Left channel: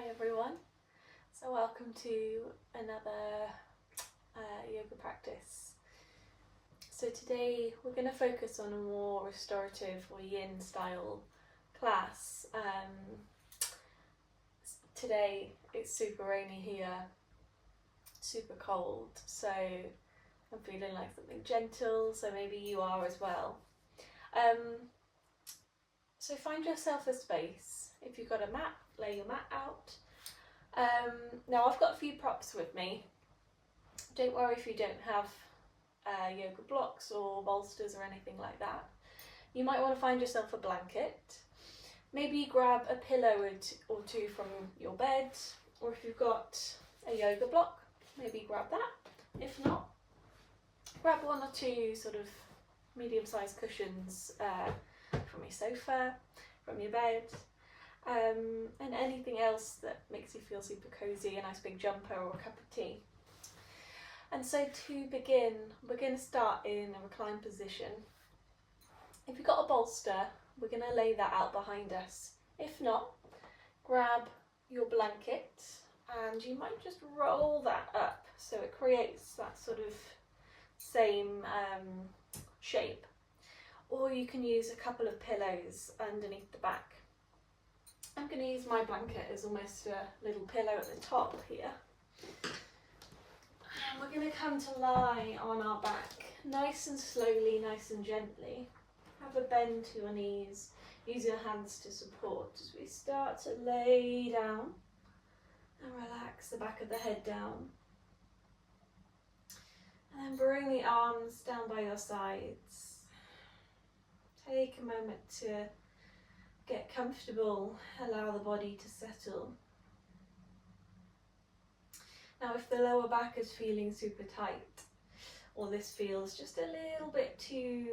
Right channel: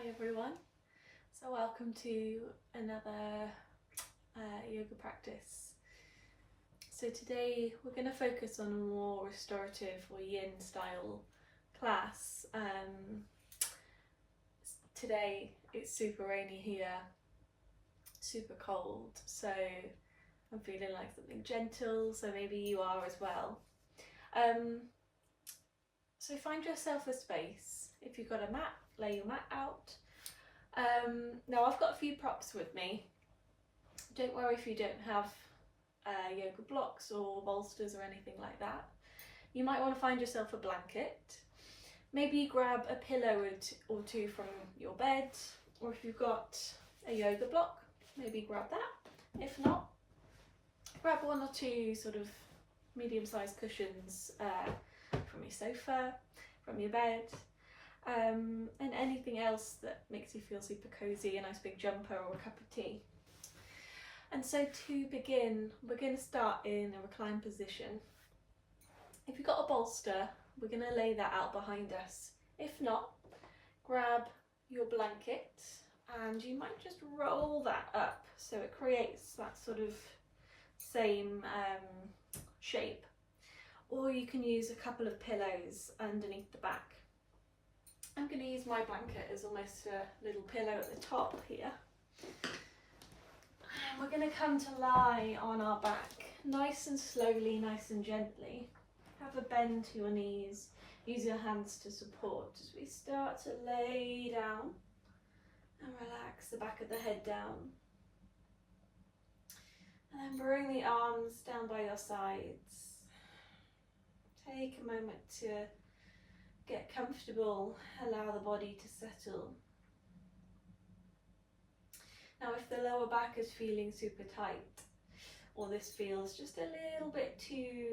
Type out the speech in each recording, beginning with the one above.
Hi everyone, so welcome to another yoga practice. So today we're going to focus on a more restorative or yin style class. Today it's super rainy here, super cold, so I'm feeling like something gentle, so maybe you are as well. So find yourself a space. If you've got a mat, lay your mat out. Now I've got a few props with me. Don't worry if you don't have yoga blocks or bolsters or anything like that. You might want to find yourself a blanket. Maybe grab a pillow or two from your bed, or if you've got a yoga block, maybe grab that. If not, grab one or two sort of medium-sized cushions from your sofa, from your bed. And anything else that makes you feel super cozy, a nice big jumper or a cup of tea. And so to begin, we're going to start in a reclined position. If you've got a bolster, we're going to lay that out behind us. If not, grab your blanket and you might just roll that up so it creates that sort of same shape. Or you can use a couple of pillows underneath the back. I'm going to use my blanket as almost a little pillow at the top here. We're going to come to lie on our back, nice and slowly, nice and gently. Have a bend to your knees, use your hands to support as we start to lay down and relax the back of the head down. And then bring the arms down by your sides. Take a moment to get comfortable, allow the body to settle. Now if the lower back is feeling super tight, or this feels just a little bit too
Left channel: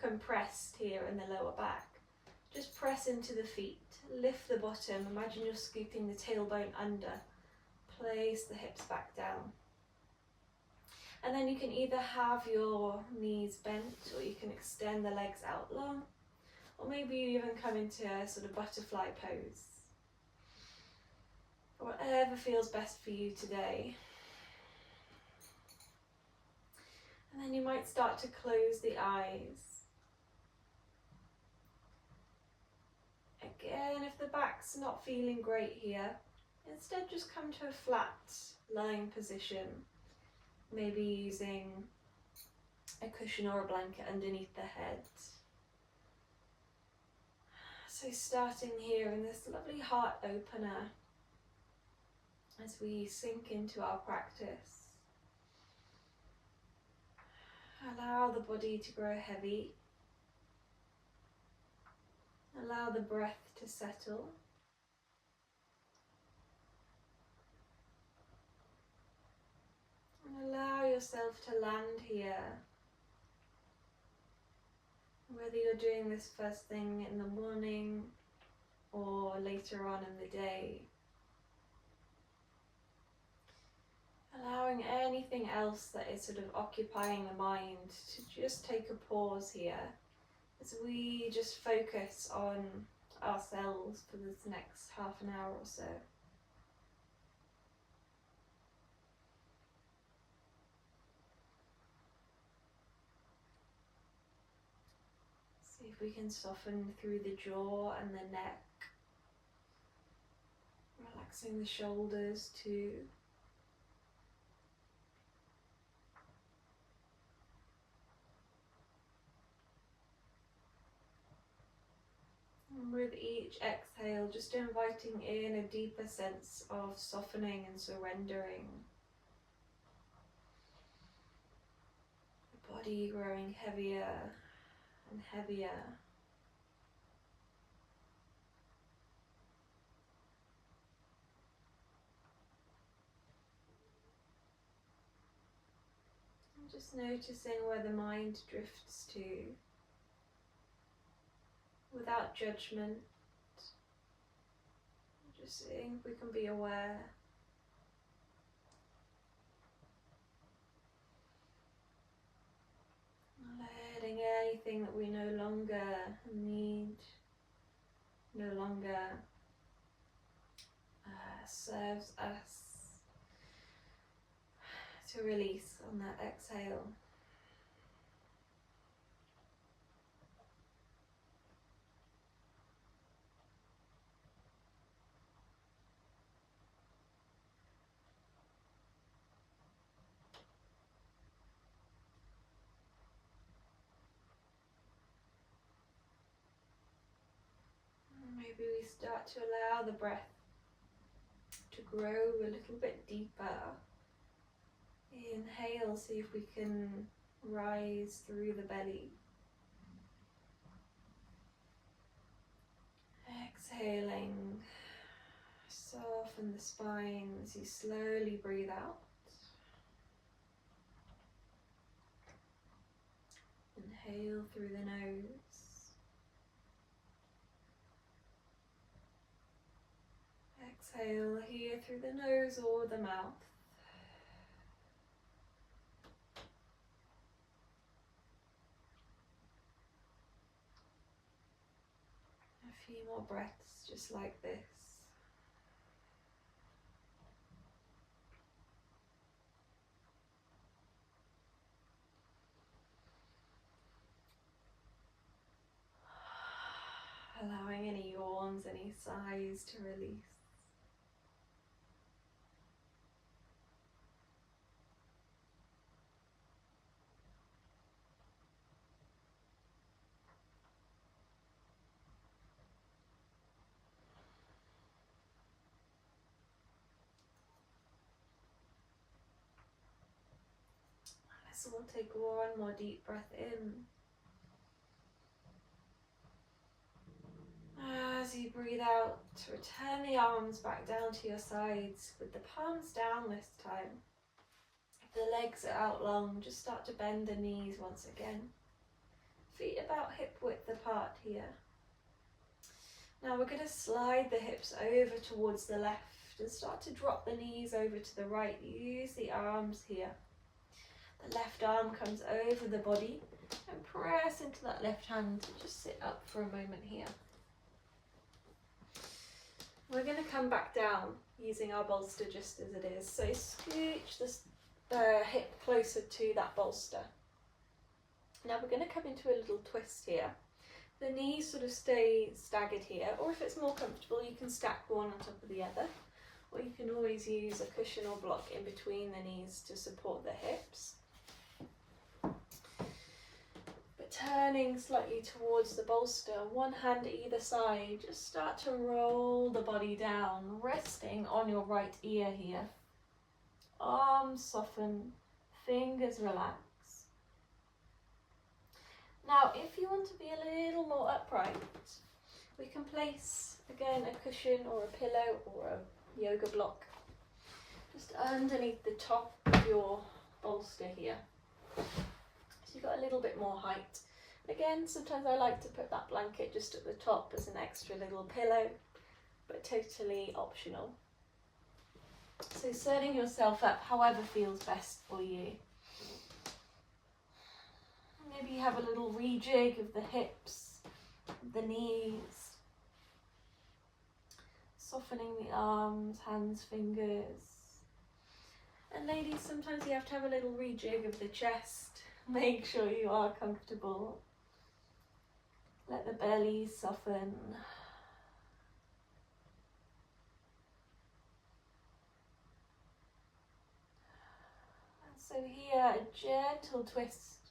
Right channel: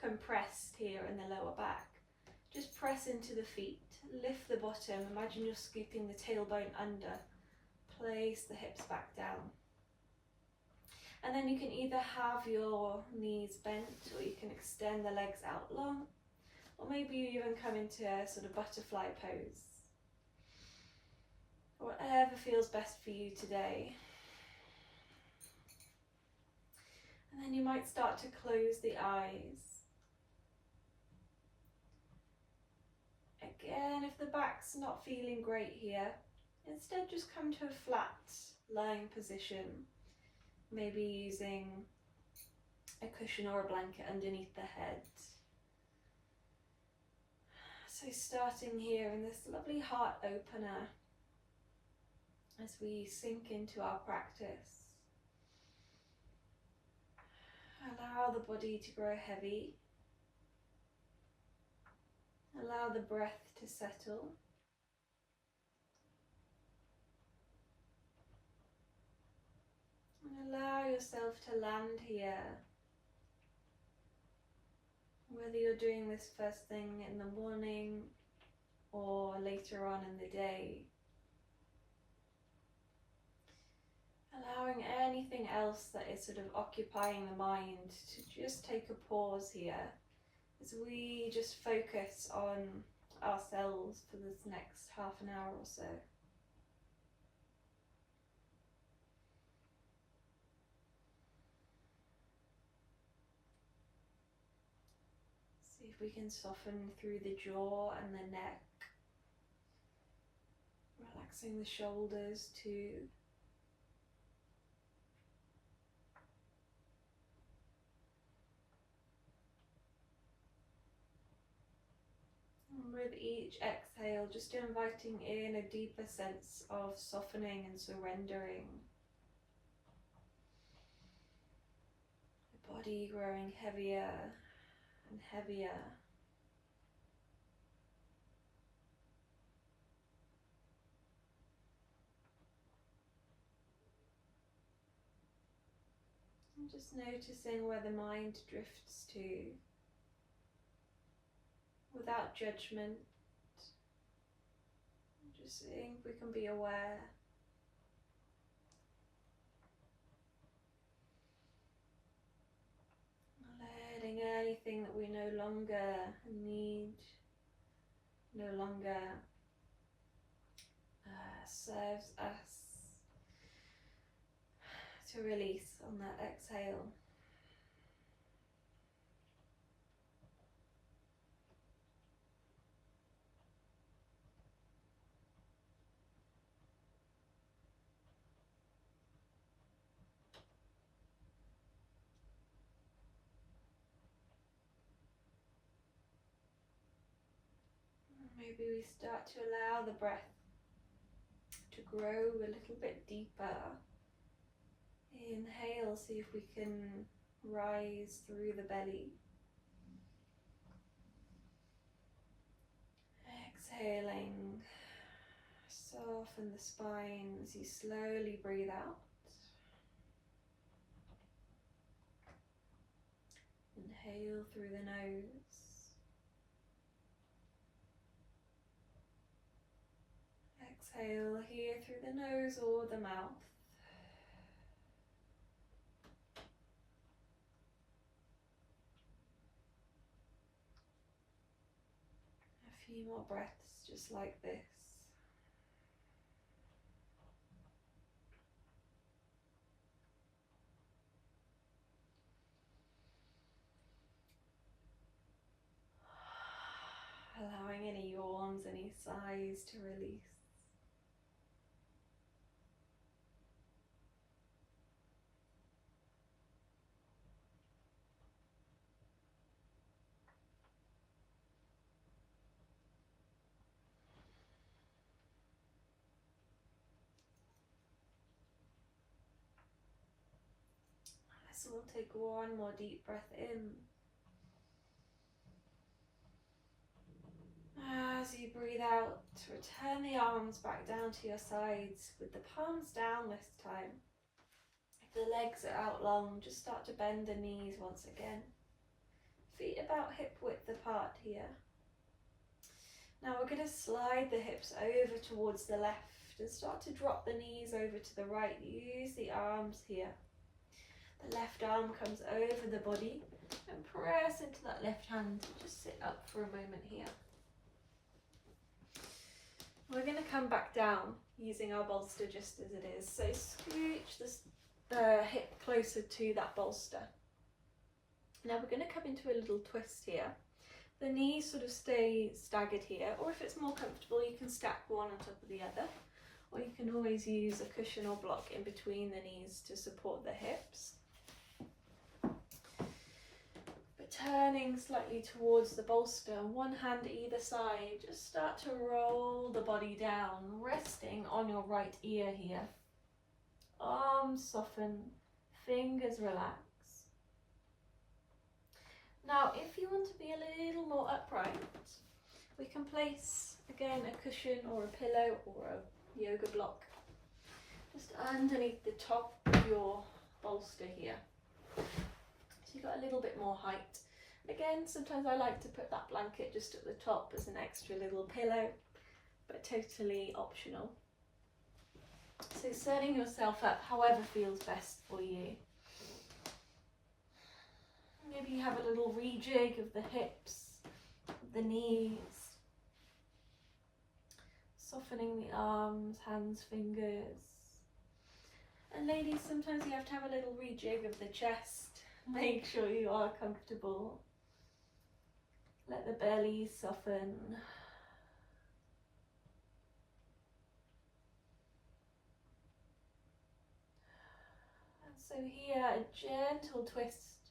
compressed here in the lower back, just press into the feet, lift the bottom, imagine you're scooping the tailbone under, place the hips back down. And then you can either have your knees bent, or you can extend the legs out long, or maybe you even come into a sort of butterfly pose. Whatever feels best for you today. And then you might start to close the eyes. Again, if the back's not feeling great here, instead just come to a flat lying position, maybe using a cushion or a blanket underneath the head. So starting here in this lovely heart opener as we sink into our practice. Allow the body to grow heavy. Allow the breath to settle. And allow yourself to land here. Whether you're doing this first thing in the morning or later on in the day. Allowing anything else that is sort of occupying the mind to just take a pause here as we just focus on ourselves for this next half an hour or so. See if we can soften through the jaw and the neck, relaxing the shoulders too. And with each exhale, just inviting in a deeper sense of softening and surrendering. The body growing heavier and heavier. And just noticing where the mind drifts to, without judgment. Just seeing if we can be aware. Letting anything that we no longer need, no longer serves us to release on that exhale. Maybe we start to allow the breath to grow a little bit deeper. Inhale, see if we can rise through the belly. Exhaling, soften the spine as you slowly breathe out. Inhale through the nose. Exhale here through the nose or the mouth. A few more breaths just like this. Allowing any yawns, any sighs to release. So we'll take one more deep breath in. As you breathe out, return the arms back down to your sides with the palms down this time. If the legs are out long, just start to bend the knees once again. Feet about hip width apart here. Now we're going to slide the hips over towards the left and start to drop the knees over to the right. Use the arms here. The left arm comes over the body and press into that left hand. Just sit up for a moment here. We're going to come back down using our bolster just as it is. So scooch the hip closer to that bolster. Now we're going to come into a little twist here. The knees sort of stay staggered here, or if it's more comfortable you can stack one on top of the other, or you can always use a cushion or block in between the knees to support the hips. Turning slightly towards the bolster, one hand either side, just start to roll the body down, resting on your right ear here. Arms soften, fingers relax. Now, if you want to be a little more upright, we can place, again, a cushion or a pillow or a yoga block just underneath the top of your bolster here. So you've got a little bit more height. Again, sometimes I like to put that blanket just at the top as an extra little pillow, but totally optional. So setting yourself up however feels best for you. Maybe have a little rejig of the hips, the knees, softening the arms, hands, fingers. And ladies, sometimes you have to have a little rejig of the chest. Make sure you are comfortable. Let the belly soften. And so here, a gentle twist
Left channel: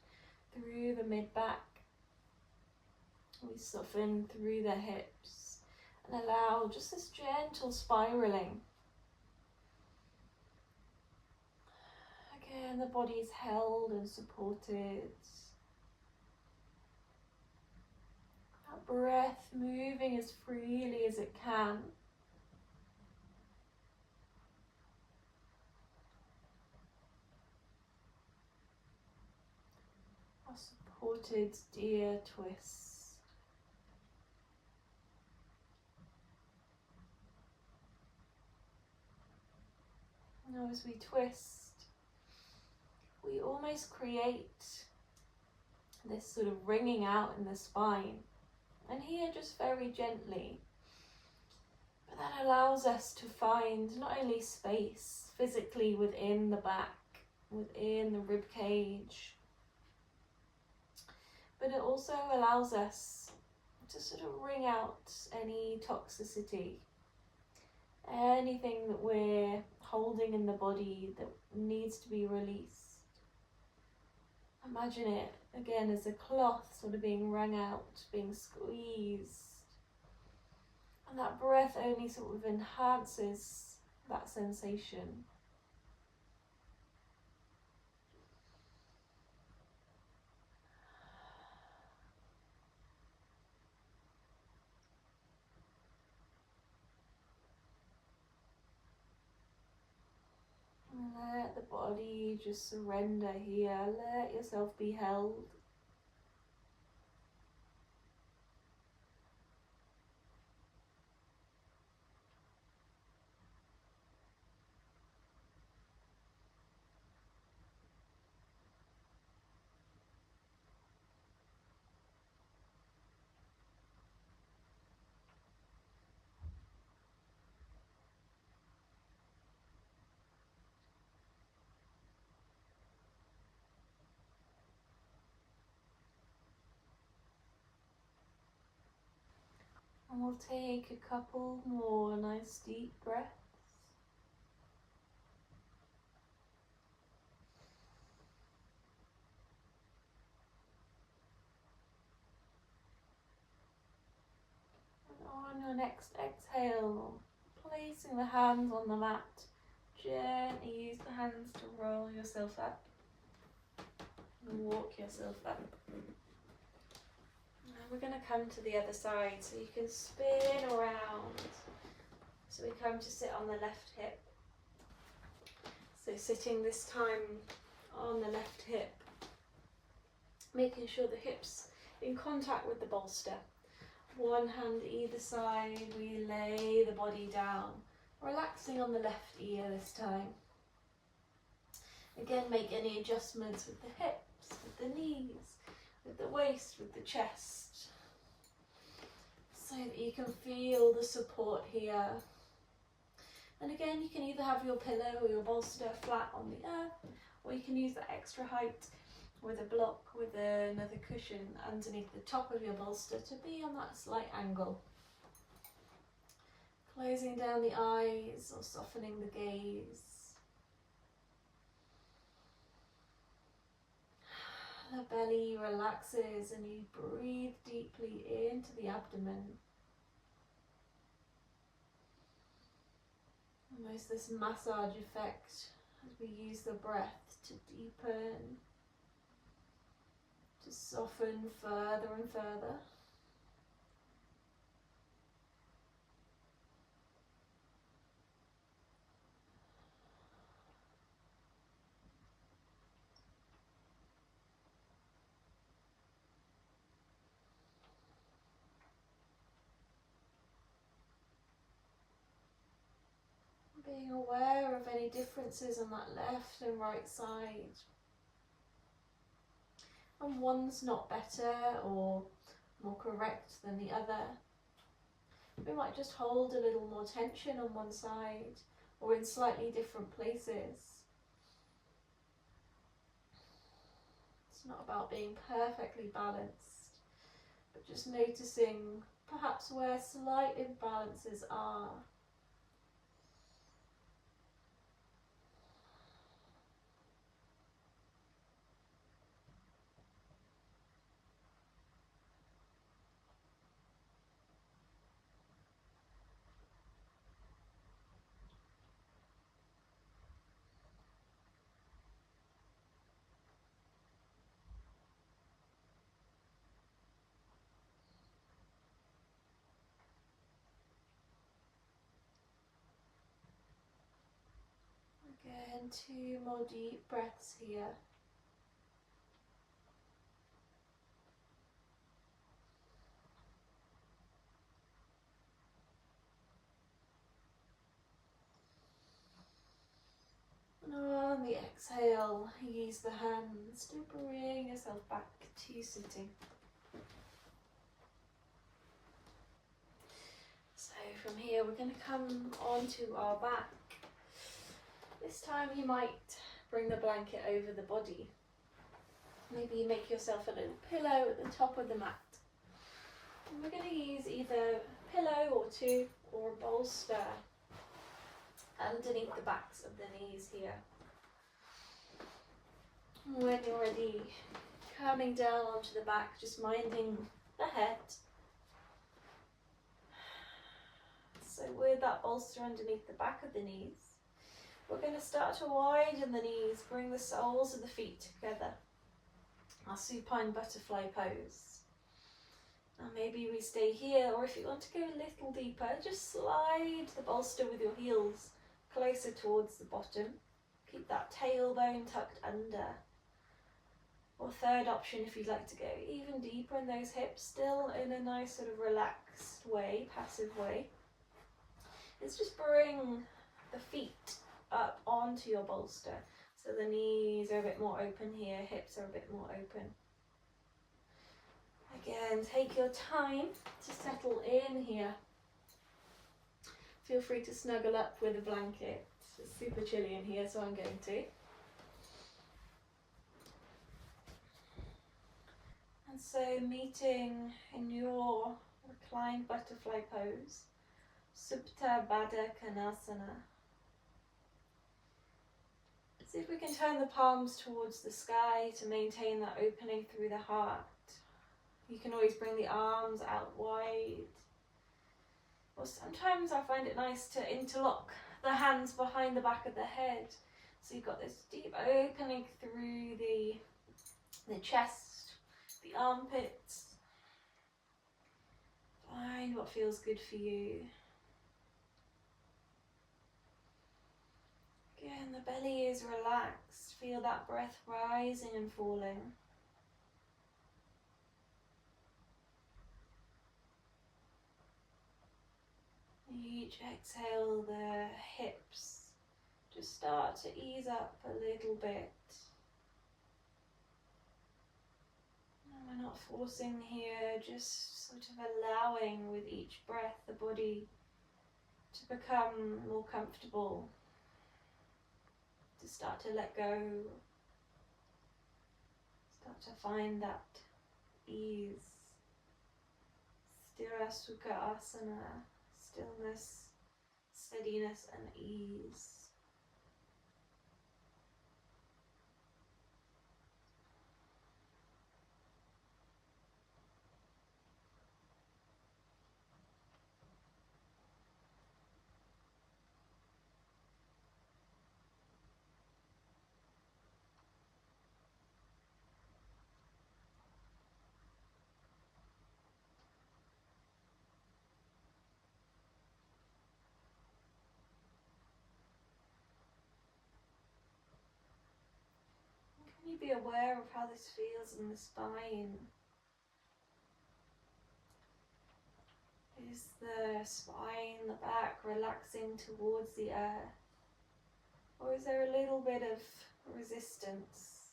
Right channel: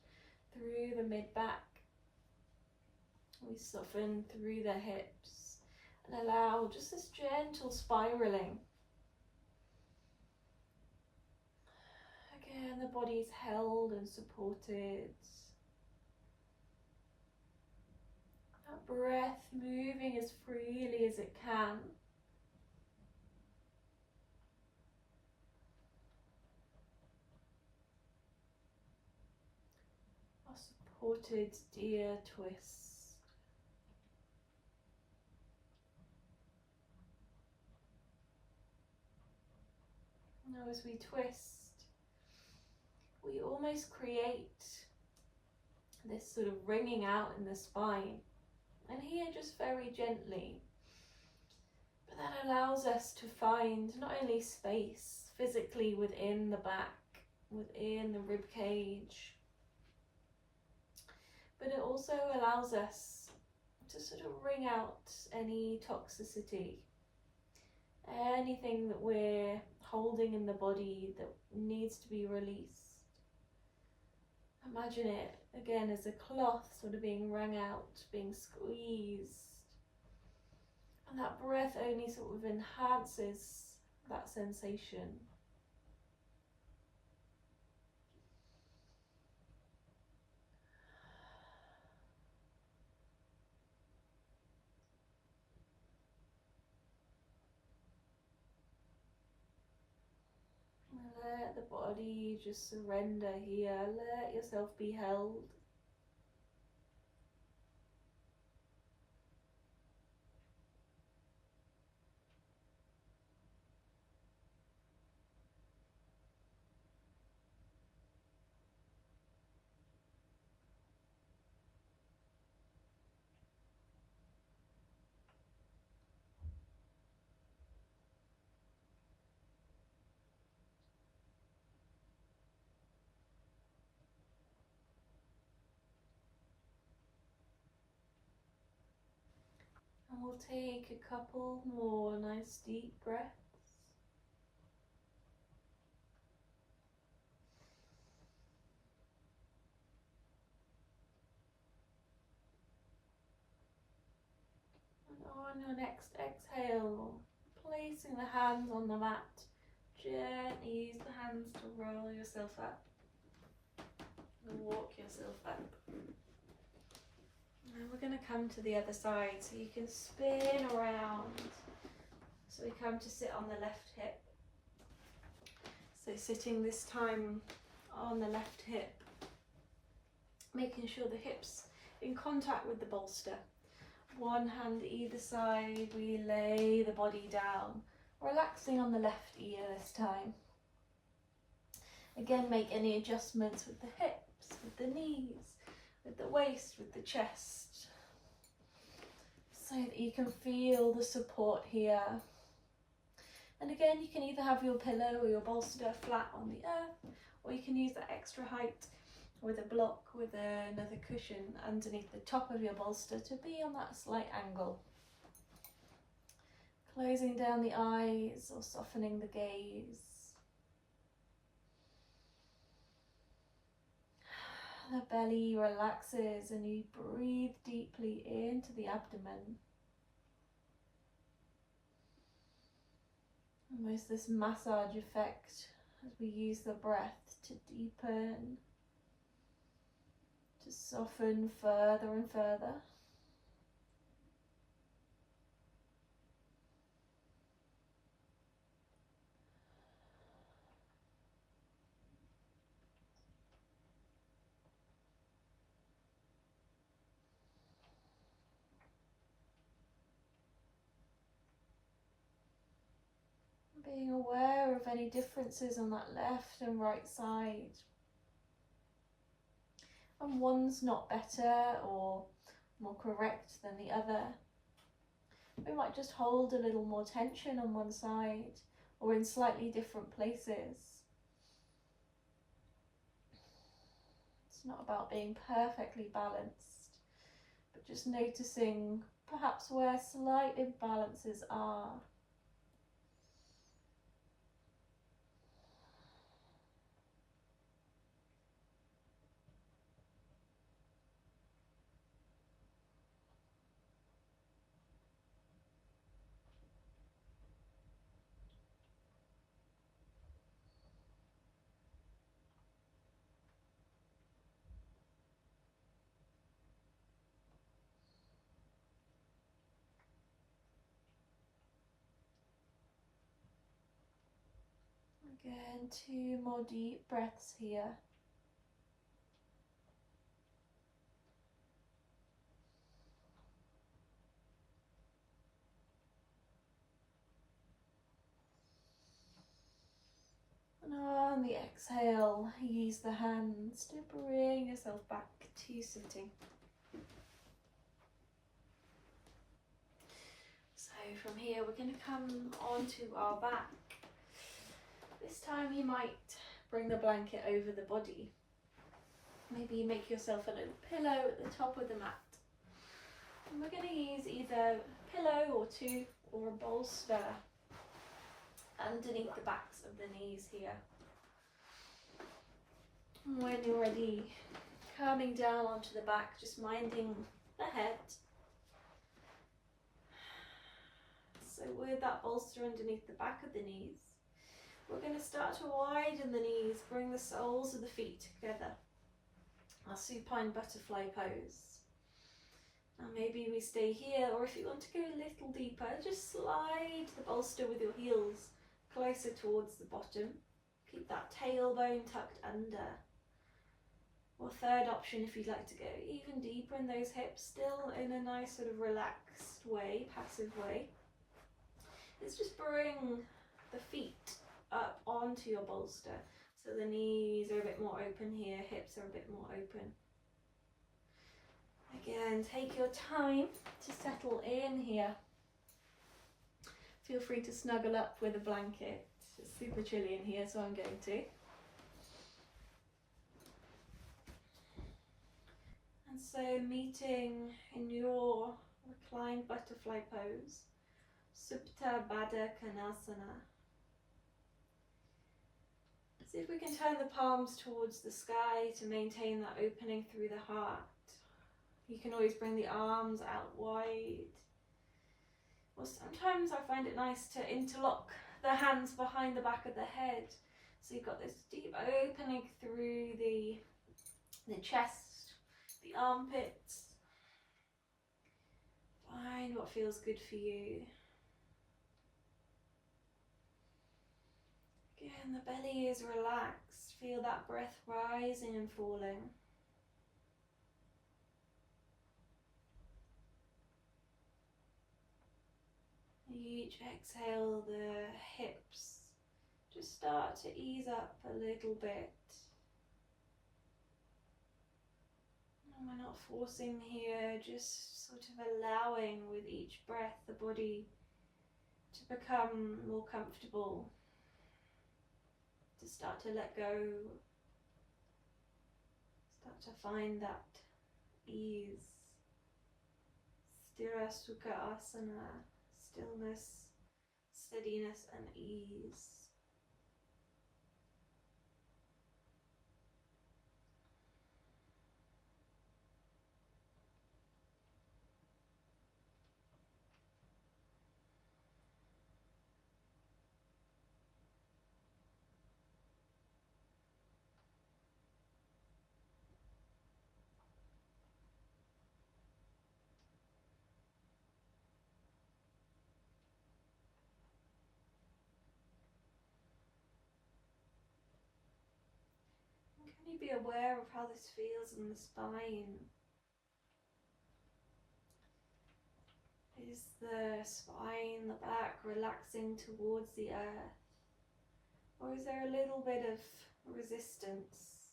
through the mid-back. We soften through the hips and allow just this gentle spiraling. Again, the body's held and supported. That breath moving as freely as it can. A supported deer twist. Now as we twist, we almost create this sort of ringing out in the spine. And here, just very gently, but that allows us to find not only space physically within the back, within the rib cage, but it also allows us to sort of wring out any toxicity, anything that we're holding in the body that needs to be released. Imagine it again as a cloth sort of being wrung out, being squeezed. And that breath only sort of enhances that sensation. Let the body just surrender here. Let yourself be held. And we'll take a couple more nice deep breaths. And on your next exhale, placing the hands on the mat, gently use the hands to roll yourself up and walk yourself up. Now we're going to come to the other side, so you can spin around. So we come to sit on the left hip. So sitting this time on the left hip, making sure the hip's in contact with the bolster. One hand either side, we lay the body down, relaxing on the left ear this time. Again, make any adjustments with the hips, with the knees, with the waist, with the chest, so that you can feel the support here. And again, you can either have your pillow or your bolster flat on the earth, or you can use that extra height with a block, with another cushion underneath the top of your bolster to be on that slight angle. Closing down the eyes or softening the gaze. The belly relaxes and you breathe deeply into the abdomen. Almost this massage effect as we use the breath to deepen, to soften further and further. Being aware of any differences on that left and right side. And one's not better or more correct than the other. We might just hold a little more tension on one side or in slightly different places. It's not about being perfectly balanced, but just noticing perhaps where slight imbalances are. Again, 2 more deep breaths here. And on the exhale, use the hands to bring yourself back to sitting. So from here we're going to come onto our back. This time you might bring the blanket over the body. Maybe you make yourself a little pillow at the top of the mat. And we're going to use either a pillow or two or a bolster underneath the backs of the knees here. And when you're ready, coming down onto the back, just minding the head. So with that bolster underneath the back of the knees, we're going to start to widen the knees, bring the soles of the feet together. Our supine butterfly pose. Now maybe we stay here, or if you want to go a little deeper, just slide the bolster with your heels closer towards the bottom. Keep that tailbone tucked under. Or third option, if you'd like to go even deeper in those hips, still in a nice sort of relaxed way, passive way, is just bring the feet up onto your bolster. So the knees are a bit more open here, hips are a bit more open. Again, take your time to settle in here. Feel free to snuggle up with a blanket. It's super chilly in here, so I'm going to. And so meeting in your reclined butterfly pose, Supta Baddha Konasana. See if we can turn the palms towards the sky to maintain that opening through the heart. You can always bring the arms out wide. Or sometimes I find it nice to interlock the hands behind the back of the head. So you've got this deep opening through the chest, the armpits. Find what feels good for you. Again, the belly is relaxed. Feel that breath rising and falling. Each exhale, the hips just start to ease up a little bit. And we're not forcing here, just sort of allowing with each breath the body to become more comfortable, to start to let go, start to find that ease. Sthira Sukha Asana, stillness, steadiness and ease. Can you be aware of how this feels in the spine? Is the spine, the back, relaxing towards the earth? Or is there a little bit of resistance?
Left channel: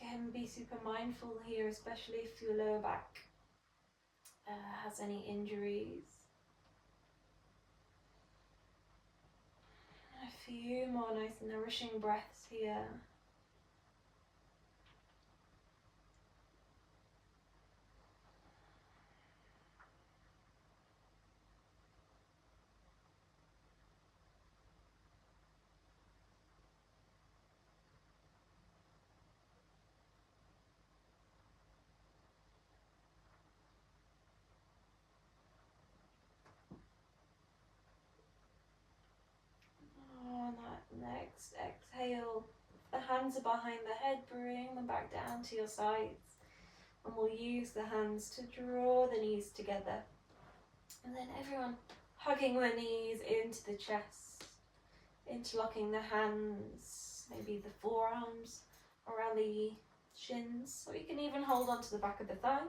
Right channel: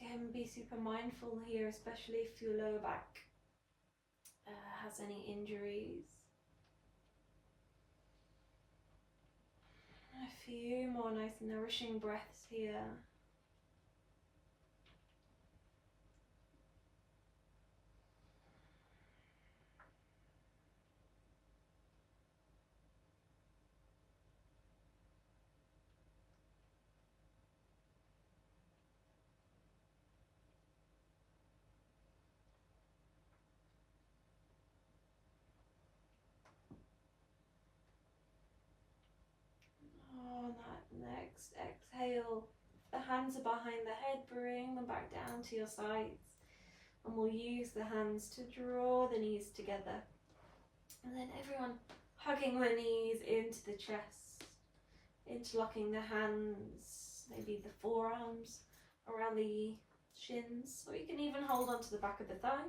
Again, be super mindful here, especially if your lower back has any injuries. A few more nice nourishing breaths here. On that next exhale, the hands are behind the head, bring them back down to your sides. And we'll use the hands to draw the knees together. And then everyone hugging the knees into the chest, interlocking the hands, maybe the forearms around the shins, or you can even hold onto the back of the thighs.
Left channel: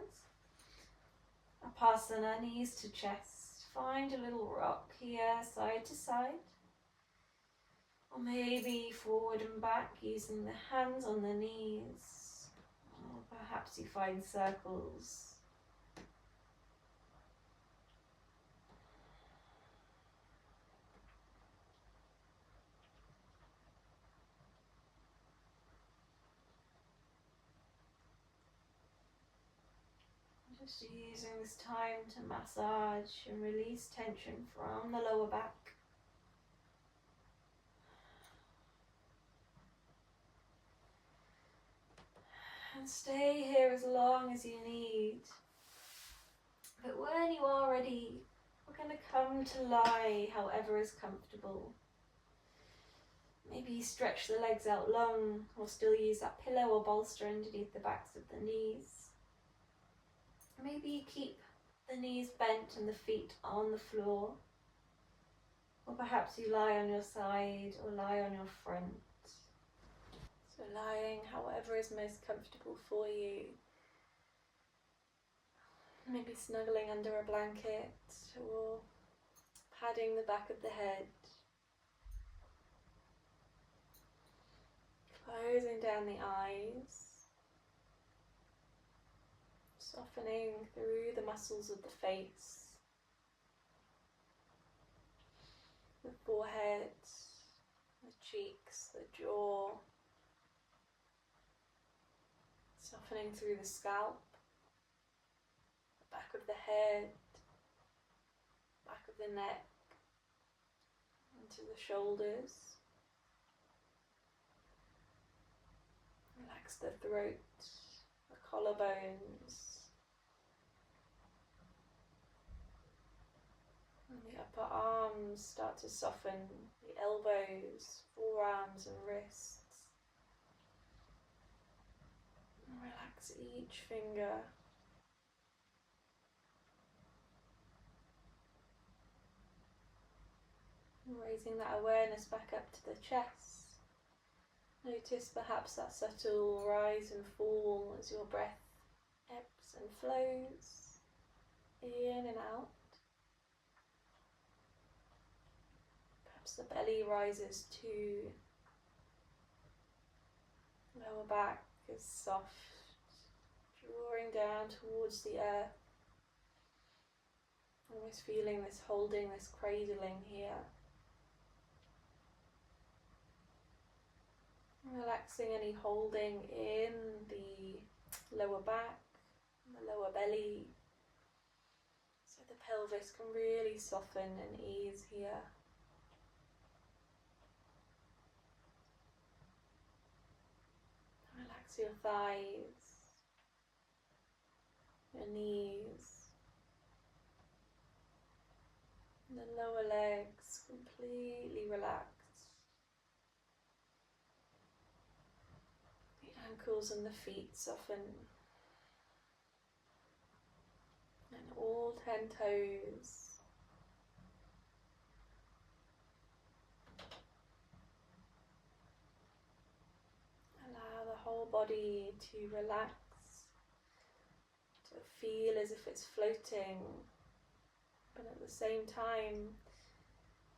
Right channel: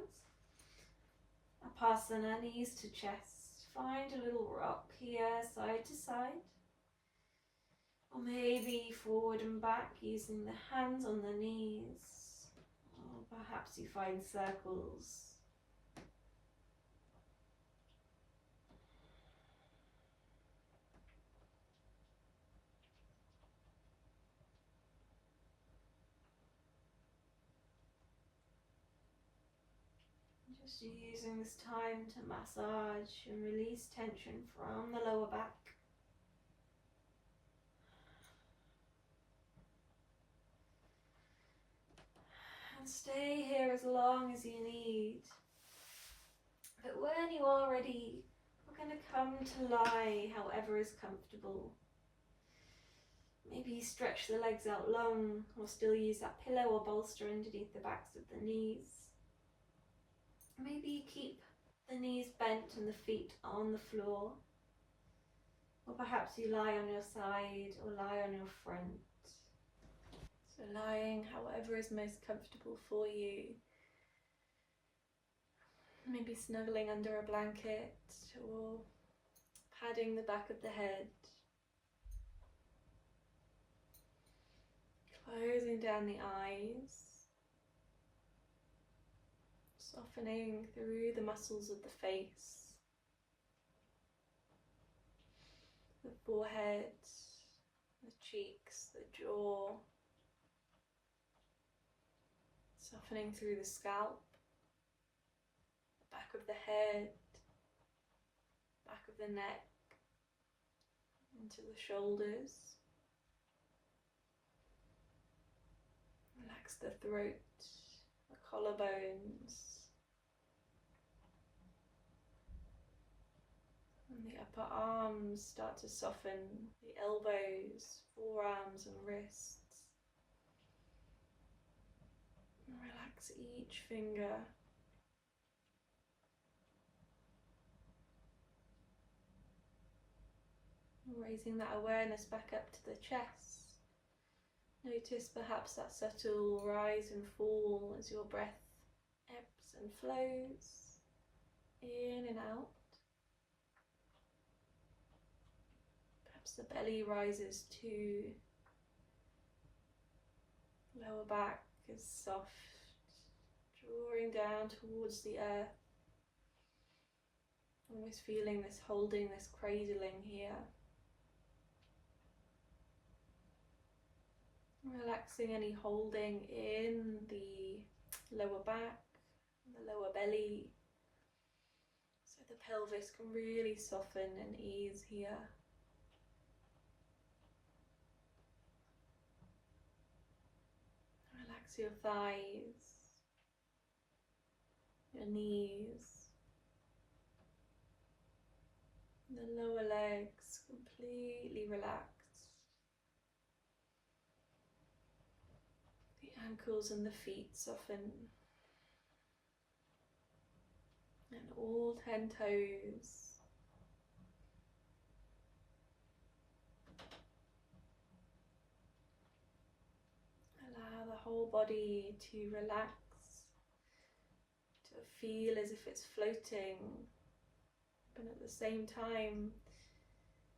Upasana, knees to chest. Find a little rock here, side to side. Or maybe forward and back using the hands on the knees. Or perhaps you find circles. Just using this time to massage and release tension from the lower back. And stay here as long as you need. But when you are ready, we're going to come to lie however is comfortable. Maybe stretch the legs out long, or still use that pillow or bolster underneath the backs of the knees. Maybe keep the knees bent and the feet on the floor. Or perhaps you lie on your side or lie on your front. So lying however is most comfortable for you. Maybe snuggling under a blanket or padding the back of the head. Closing down the eyes. Softening through the muscles of the face. The forehead, the cheeks, the jaw. Softening through the scalp, the back of the head, back of the neck, into the shoulders. Relax the throat, the collarbones, and the upper arms start to soften, the elbows, forearms and wrists. And relax each finger. Raising that awareness back up to the chest. Notice perhaps that subtle rise and fall as your breath ebbs and flows in and out. Perhaps the belly rises too. Lower back is soft, drawing down towards the earth. Almost feeling this holding, this cradling here. Relaxing any holding in the lower back, the lower belly, so the pelvis can really soften and ease here. Relax your thighs, your knees, and the lower legs completely relaxed. The ankles and the feet soften. And all 10 toes. Allow the whole body to relax, to feel as if it's floating, but at the same time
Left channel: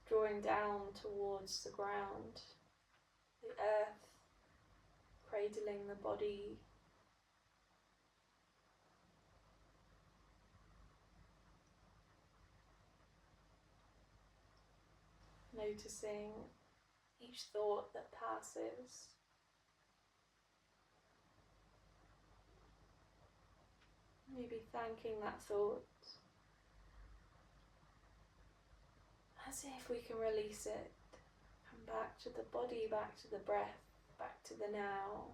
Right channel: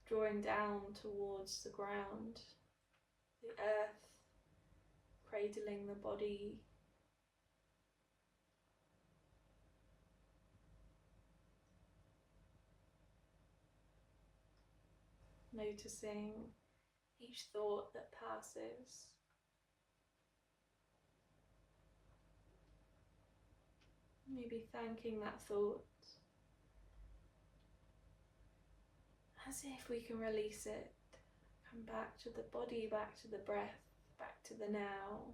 drawing down towards the ground, the earth cradling the body. Noticing each thought that passes. Maybe thanking that thought, as if we can release it. Come back to the body, back to the breath, back to the now.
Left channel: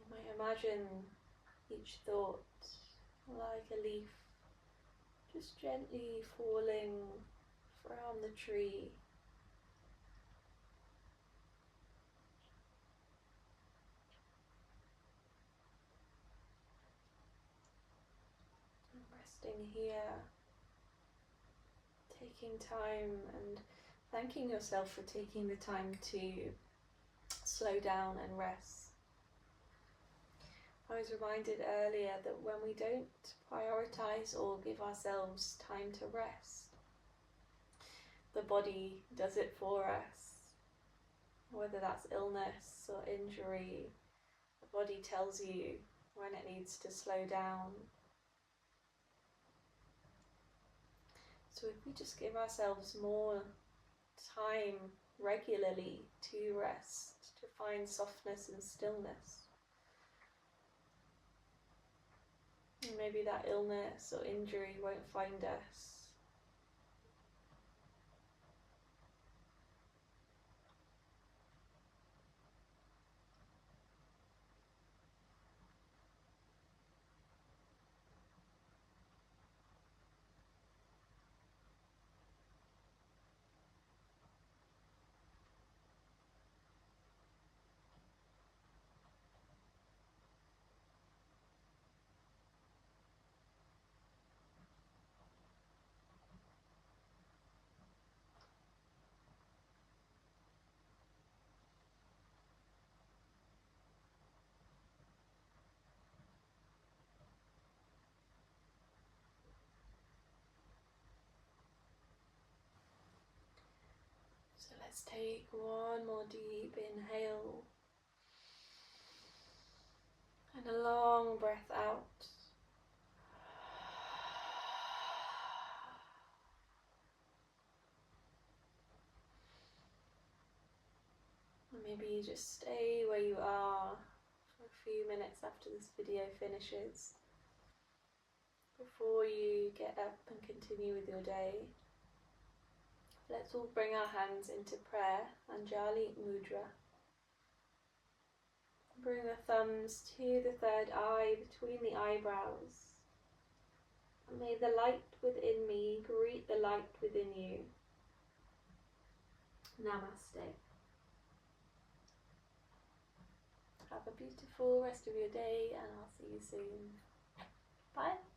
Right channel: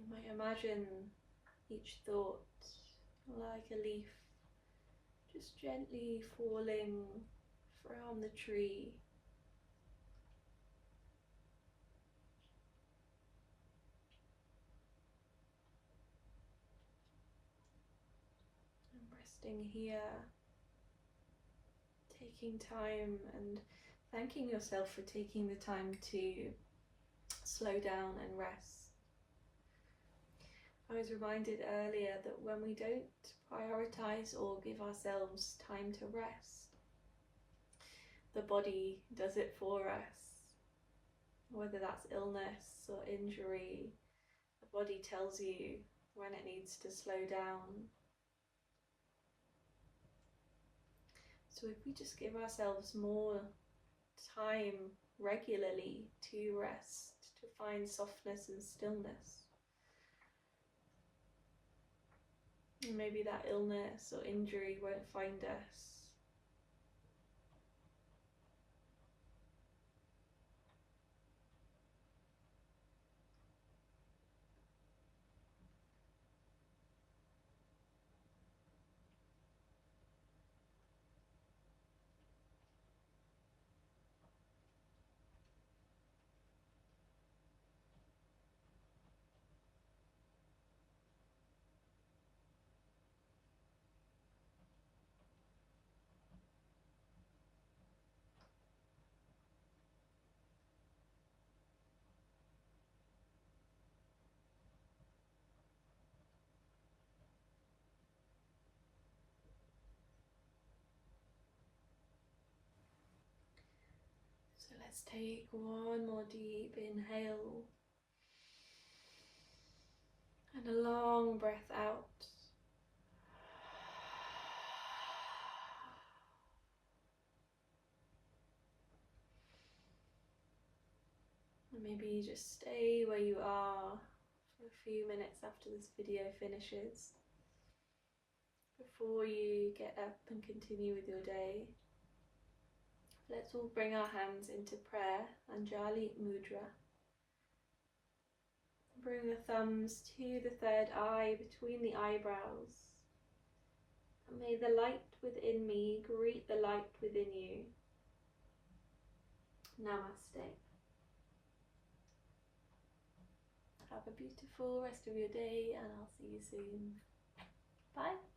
You might imagine each thought like a leaf just gently falling from the tree. And resting here, taking time and thanking yourself for taking the time to slow down and rest. I was reminded earlier that when we don't prioritize or give ourselves time to rest, the body does it for us. Whether that's illness or injury, the body tells you when it needs to slow down. So if we just give ourselves more time regularly to rest, to find softness and stillness, And maybe that illness or injury won't find us. So let's take one more deep inhale and a long breath out. And maybe you just stay where you are for a few minutes after this video finishes, before you get up and continue with your day. Let's all bring our hands into prayer, Anjali Mudra. Bring the thumbs to the third eye between the eyebrows. And may the light within me greet the light within you. Namaste. Have a beautiful rest of your day, and I'll see you soon. Bye.